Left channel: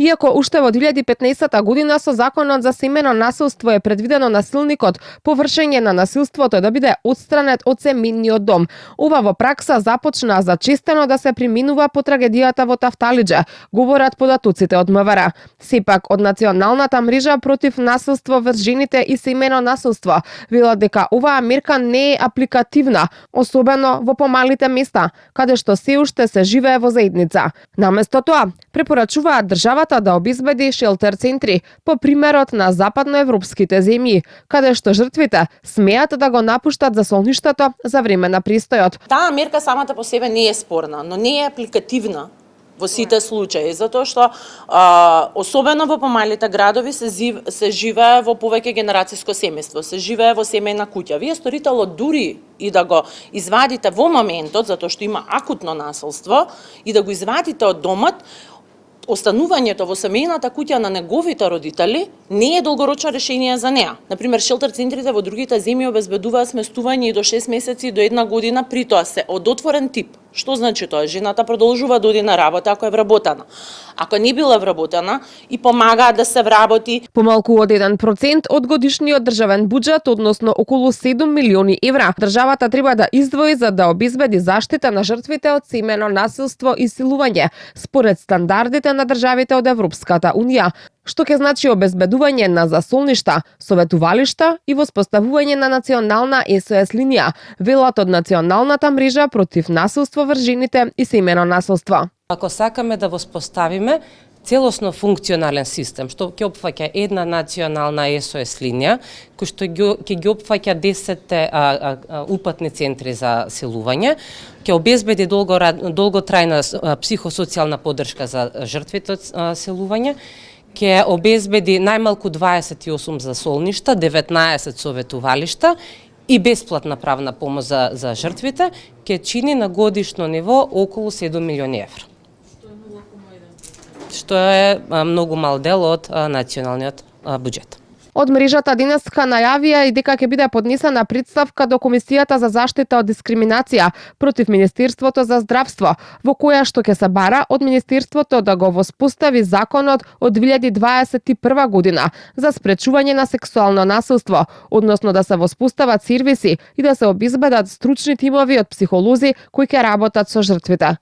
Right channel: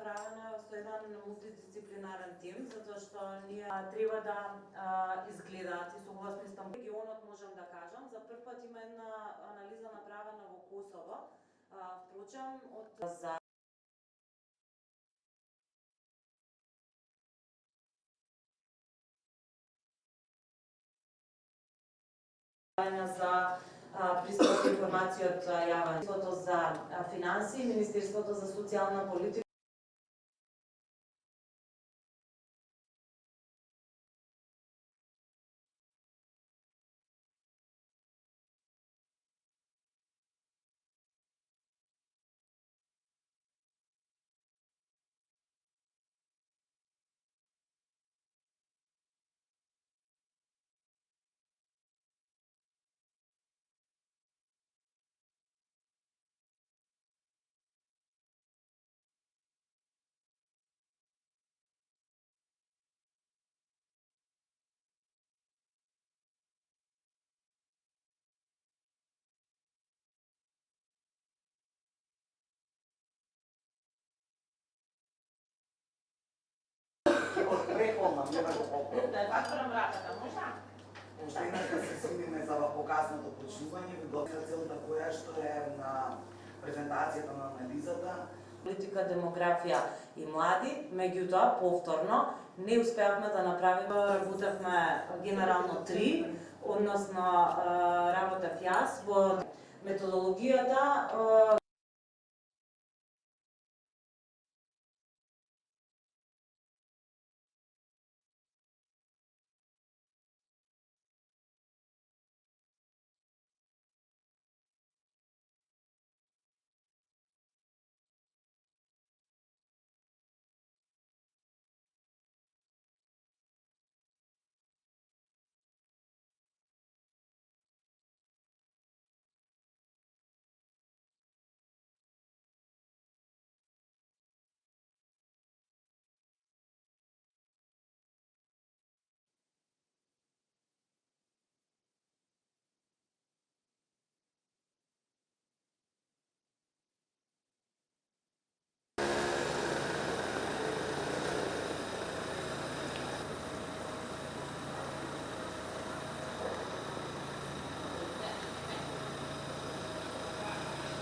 Иако уште во 2015 година со Законот за семено насилство е предвидено насилникот по вршење на насилството да биде отстранет од семејниот дом, ова во пракса започна зачестено да се применува по трагедијата во Тафталиџе, говорат податоците од МВР. Сепак од Националната мрежа против насилство врз жените и семено насилство велат дека оваа мерка не е апликативна, особено во помалите места, каде што се уште се живее во заедница. Наместо тоа, препорачуваат државата да обезбеди шелтер центри по примерот на западноевропските земји, каде што жртвите смеат да го напуштат засолништето за време на престојот. Таа мерка самата по себе не е спорна, но не е апликативна во сите случаи, затоа што особено во помалите градови се живее во повеќе генерацијско семејство, се живее во семејна куќа. Вие сторителот дури и да го извадите во моментот, затоа што има акутно насилство, и да го извадите од домот, останувањето во семејната куќа на неговите родители не е долгорочно решение за неа. Например, шелтер центрите во другите земји обезбедуваат сместување и до 6 месеци и до 1 година, при тоа се од отворен тип. Што значи тоа? Жената продолжува да оди на работа ако е вработена. Ако не била вработена, и помагаат да се вработи. Помалку од 1% од годишниот државен буџет, односно околу 7 милиони евра, државата треба да издвои за да обезбеди заштита на жртвите од семено насилство и силување, според стандардите на државите од Европската унија, што ќе значи обезбедување на засолништа, советувалишта и воспоставување на национална SOS линија, велат од Националната мрежа против насилство врз жените и семено насилство. Ако сакаме да воспоставиме целосно функционален систем, што ќе опфаќа една национална SOS линија, кој што ќе ги опфаќа 10 упатни центри за силување, ќе обезбеди долготрајна психосоцијална поддршка за жртвите од силување, ќе обезбеди најмалку 28 засолништа, 19 советувалишта и бесплатна правна помош за жртвите, ќе чини на годишно ниво околу 7 милиони евра. Што е многу мал дел од националниот буџет. Од мрежата денеска најавија и дека ќе биде поднесена представка до Комисијата за заштита од дискриминација против Министерството за здравство, во која што ќе се бара од Министерството да го воспостави законот од 2021 година за спречување на сексуално насилство, односно да се воспостават сервиси и да се обезбедат стручни тимови од психолози кои ќе работат со жртвите.